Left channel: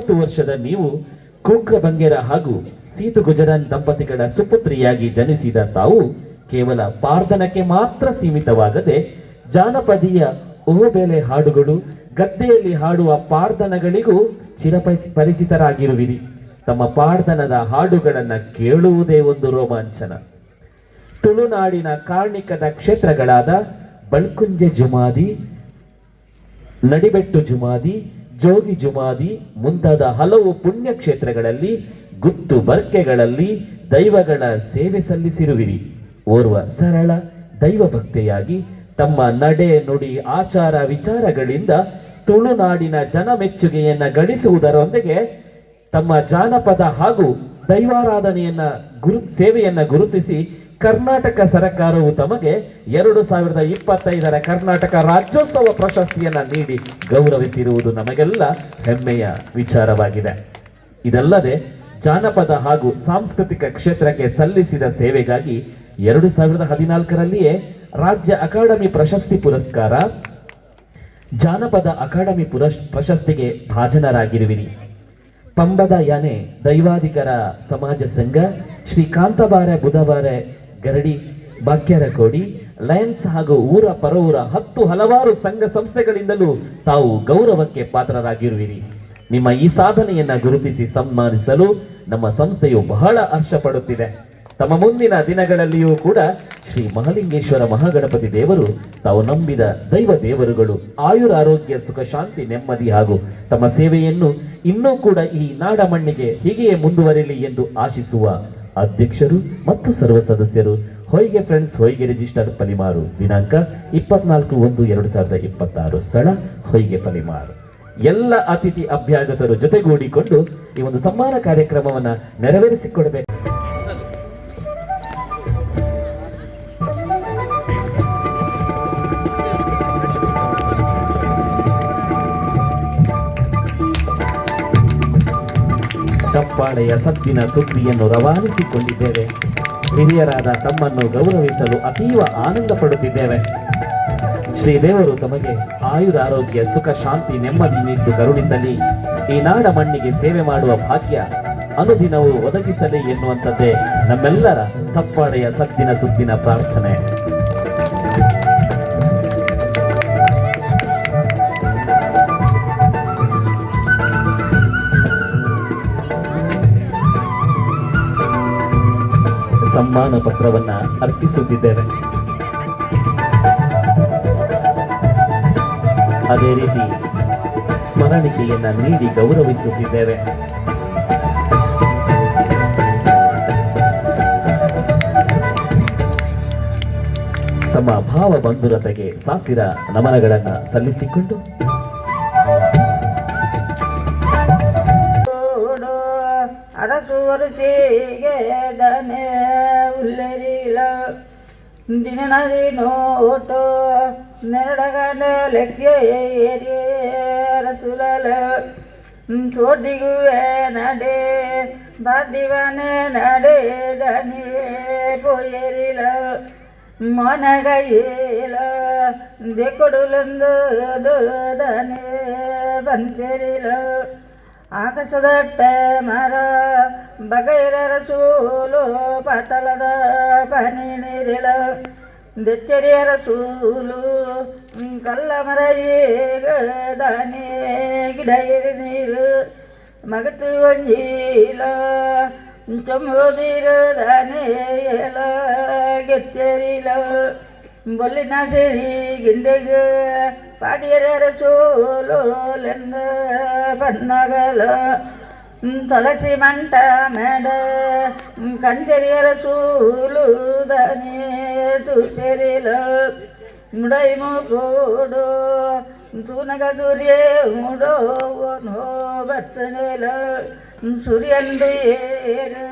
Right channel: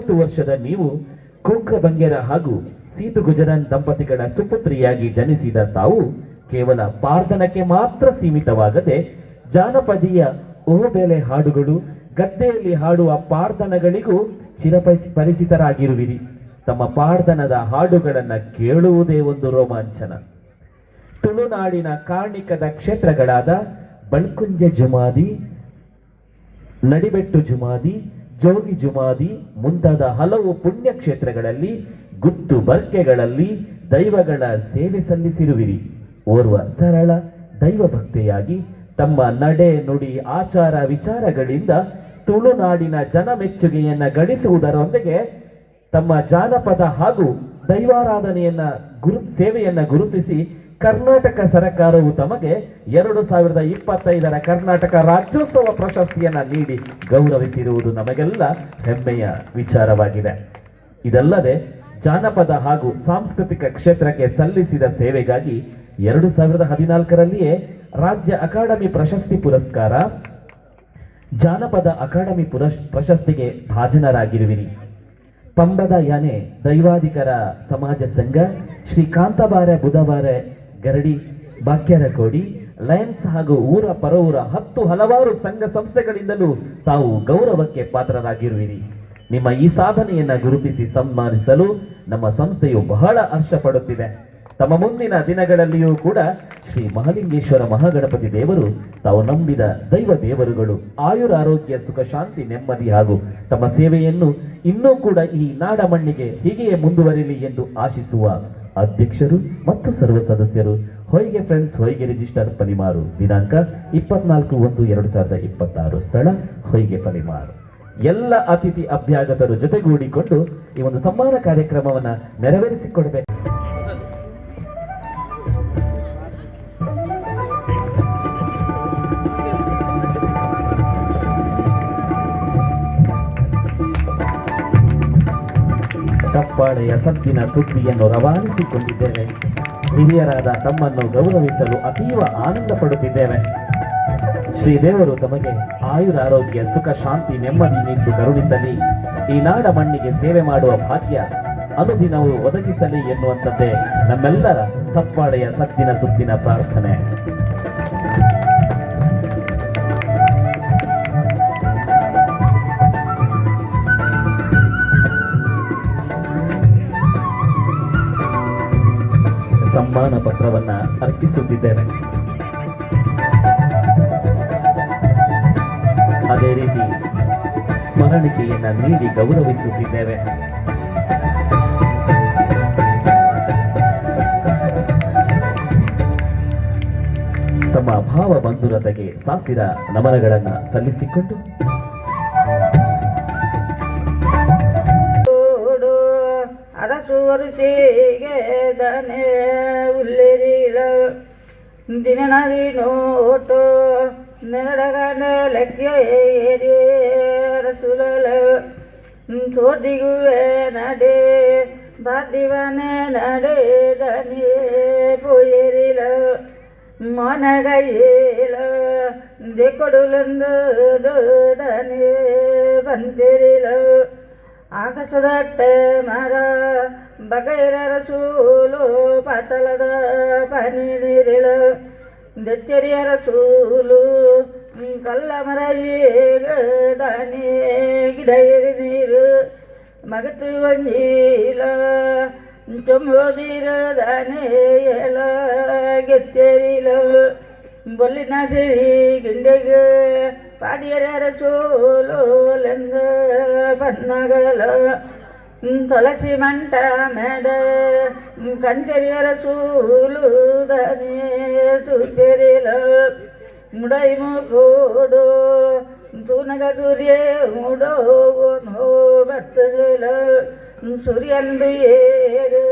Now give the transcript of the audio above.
30 ವರ್ಷದ ನೀವು ಕೋಕ್ರ ಬಂಗೇರ ಹಾಗೂ ಸೀತು ಗುಜರಾನ್ ದಂಪತಿಗಳ ಸುಪುತ್ರಿಯಾಗಿ ಜನಿಸಿದ ತಾವು ಕೇವಲ ಪಾರ್ದನಕ್ಕೆ ಮಾತ್ರ ಸೀಮಿತವಾಗದೆ ಜಾನಪದೀಯ ಓಬೆಲೆ ಹಾಡುಗಳು, ಗದ್ದೆಯಲ್ಲಿ ಹಾಡುವ ಪಾರ್ದನಗಳಿಗೂ ಪರಿಚಿತರಾಗಿರುವಿರಿ. ತಮ್ಮ ಪಾರ್ದನದ ಹಾಡುಗಳನ್ನು ಕೇಳುವುದೇ ಒಂದು ರೋಮಾಂಚನ. ತುಳುನಾಡಿನ ಕಾರ್ಣಿಕದ ಕ್ಷೇತ್ರಗಳಾದ ಬಳ್ಕುಂಜೆ ಜುಮಾದಿ, ನಡಿಬೆಟ್ಟು ಜುಮಾದಿ, ಜೋಗಿ ಜುಮಾದಿ ಮುಂತಾದ ಹಲವು ಪುಣ್ಯ ಕ್ಷೇತ್ರಗಳಲ್ಲಿ ಗುತ್ತು ಬರ್ಕೆಗಳಲ್ಲಿ ದೈವಗಳ ಸೇವೆ ಸಲ್ಲಿಸಿರುವಿರಿ. ಓರ್ವ ಸರಳ ದೈವ ಭಕ್ತೆಯಾಗಿ ತಮ್ಮ ನಡೆ ನುಡಿ ಆಚಾರ ವಿಚಾರಗಳಿಂದ ತುಳುನಾಡಿನ ಜನಮೆಚ್ಚುಗೆಯನ್ನ ಗಳಿಸುವುದರೊಂದಿಗೆ ತಮ್ಮ ಜಾನಪದ ಹಾಗೂ ದೈವಾರಾಧನೆಯನ್ನ ಸೇವೆಯನ್ನ ಗುರುತಿಸಿ ಕರ್ನಾಟಕ ಸರ್ಕಾರವು ತಮಗೆ 2025ರ ಕರ್ನಾಟಕ ರಾಜ್ಯೋತ್ಸವ ಪ್ರಶಸ್ತಿಯನ್ನ ನೀಡಿ ಗೌರವಿಸಿರುವುದು ನಮಗೆಲ್ಲ ಹೆಮ್ಮೆಯ ವಿಚಾರವಾಗಿದೆ. ಇದಲ್ಲದೆ ಜಾನಪದ ಹಾಗೂ ಸಾಂಸ್ಕೃತಿಕ ಕ್ಷೇತ್ರಕ್ಕೆ ಸಲ್ಲಿಸಿದ ಸೇವೆಗಾಗಿ 2014ರಲ್ಲಿಯೇ ರಾಜ್ಯ ಅಕಾಡೆಮಿ ಪ್ರಶಸ್ತಿ ಪುರಸ್ಕಾರ, ಜಾನಪದ ಅಕಾಡೆಮಿ ಪ್ರಶಸ್ತಿಗೆ ಭಾಜನರಾಗಿರುವಿರಿ. ಪಂಬದ ಯಾನೆ ದೈವಾಧಿಕರ ಸಮಾಜ ಸಂಘ, ಶ್ರೀ ಕಾಂತಬಾರೆ ಬುಧವಾರೆ ಗರಡಿ ಬಾಕ್ಯರಕೋಡಿ, ಲಯನ್ಸ್ ಹಾಗೂ ಊರ ಪರವೂರ ಹಲವಾರು ಸಂಘ ಸಂಸ್ಥೆಗಳಿಂದಲೂ ತಾವು ಗೌರವಕ್ಕೆ ಪಾತ್ರರಾಗಿರುವಿರಿ. ನಿಮ್ಮ ಈ ಸಾಧನೆಯನ್ನ ಗುರುತಿಸಿ ಸನ್ಮಾನಿಸಲು ನಮ್ಮ ಸಂಸ್ಥೆಯು ಬಹಳ ಹರ್ಷ ಪಡುತ್ತಿದೆ. ತಮ್ಮ ಮುಂದಿನ ದಿನಗಳಲ್ಲಿಯೂ ಕೂಡ ಶ್ರೀ ಮಹಾಲಿಂಗೇಶ್ವರ ಮಹಾಗಣಪತಿ ದೇವರು ತಾವು ನಂಬಿದ ದೈವ ದೇವರುಗಳು ಆಯುರಾರೋಗ್ಯ ಸುಖ ಶಾಂತಿ ನೆಮ್ಮದಿ ಹಾಗೂ ತಮ್ಮ ಸೇವೆಯನ್ನು ಇನ್ನೂ ಕೂಡ ಈ ನಾಡ ಮಣ್ಣಿಗೆ ಹೀಗೆಯೇ ಮುಂದುವರೆಯಲಿ ಎಂದು ಆಶಿಸುವ ಅಧ್ಯಕ್ಷರು ಮತ್ತು ಸರ್ವ ಸದಸ್ಯರು, ಹೊಯ್ಗೆ ಫ್ರೆಂಡ್ಸ್, ಹೊಯ್ಗೆ ರಿಜಿಸ್ಟರ್ ಪಲಿಮಾರು. ದಿನಾಂಕ 24/1/2026, ಸ್ಥಳ ಹೊಯ್ಗೆ ಪಲಿಮಾರು. ಎಲ್ಲ ಅತಿಥಿ ಅಭ್ಯಾಗತರು ಜೊತೆಗೂಡಿಕೊಂಡು ಈ ಒಂದು ಸಮ್ಮಾನ ಕಾರ್ಯಕ್ರಮವನ್ನು ನೆರವೇರಿಸಿಕೊಡಬೇಕು. ಚಪ್ಪಾಳೆಯ ಸದ್ದಿನ ಸುದ್ದಿಯನ್ನು ರವಾನಿಸಿಕೊಂಡಿದ್ದೇವೆ. ಹಿರಿಯರಾದ ತಮ್ಮನ್ನು ಗೌರವಿಸಲು ಅತೀವ ಆನಂದ ಪಡುತ್ತಿದ್ದೇವೆ. ಶ್ರೀದೇವರು ತಮಗೆ ಆಯುರಾರೋಗ್ಯ ಸುಖ ಶಾಂತಿ ನೆಮ್ಮದಿ ನೀಡಿ ಕರುಣಿಸಲಿ, ಈ ನಾಡ ಮಣ್ಣಿಗೆ ಸೇವೆ ಮಾಡುವ ಭಾಗ್ಯ ಅನುದಿನವೂ ಒದಗಿಸಲಿ ಎನ್ನುವಂಥದ್ದೇ ನಮ್ಮೆಲ್ಲರ ಚಪ್ಪಾಳೆಯ ಸದ್ದಿನ ಸುದ್ದಿನ ಪ್ರಾರ್ಥನೆ. ಸಮ್ಮಾನ ಪತ್ರವನ್ನ ಅರ್ಪಿಸುತ್ತಿದ್ದೇವೆ. ಅದೇ ರೀತಿ ಸ್ಮರಣಿಕೆಯನ್ನ ನೀಡಿ ಗೌರವಿಸುತ್ತಿದ್ದೇವೆ. ತಮ್ಮ ಭಾವ ಬಂಧುರತೆಗೆ ಸಾಸಿರ ನಮನಗಳನ್ನ ಸಲ್ಲಿಸಿಕೊಂಡು ಅರಸುವರಿಸಿಗೆ ದನೆ ಉಲ್ಲಿರಿಲ ದಿನನದಿ ನೋಟು ನೆರಡಗಂಡ ಲೆಕ್ಕೆ ಏರಿ ರಸುಲಲ ತೋಟಿಗುವೆ ನಡೆ ಬಾದಿವನೆ ನಡೆ ದನಿ ಪೋಯರಿಲ ಮೊನಗೈಲ ದೇಕೊಡುಲಂದು ದನೆ ಬಂದಿರಿಲ ಆಕಾಶದಟ್ಟ ಮರ ಬಗೈರರ ಸೂಲು ಪಾತಳದ ಪನಿ ನೀರಿಳ ದೆತ್ತೆರಿಯರ ಸೂಲು ಕಲ್ಲ ಮರ ಈಗ ದಾನಿ ಗಿಡ ಎರಿ ನೀರು ಮಗತು ಒಂಜೀಲ ಚೊಂಬೋದಿರ ದಾನೆ ಎಲ ಗೆತ್ತೆರಿಲ ಬೊಲ್ಲಿನ ಸಿರಿ ಗಿಂಡೆಗ ಪಾಡಿಯರ ಸೋಲೋಲೆಂದ ಪನ್ನಗಲ ತುಳಸಿ ಮಂಟ ಮೇಡ ಕಂಚರಿಯರ ಸೂಲು ದನಿ ಸುಪೆರಿಲ ಮುಡೈ ಮುಕೋಡು ತೂನಗ ಸೂರ್ಯ ಮುಡೋ ನೋ ಬತ್ತನೆಲ ಸೂರ್ಯಂದು ಏರು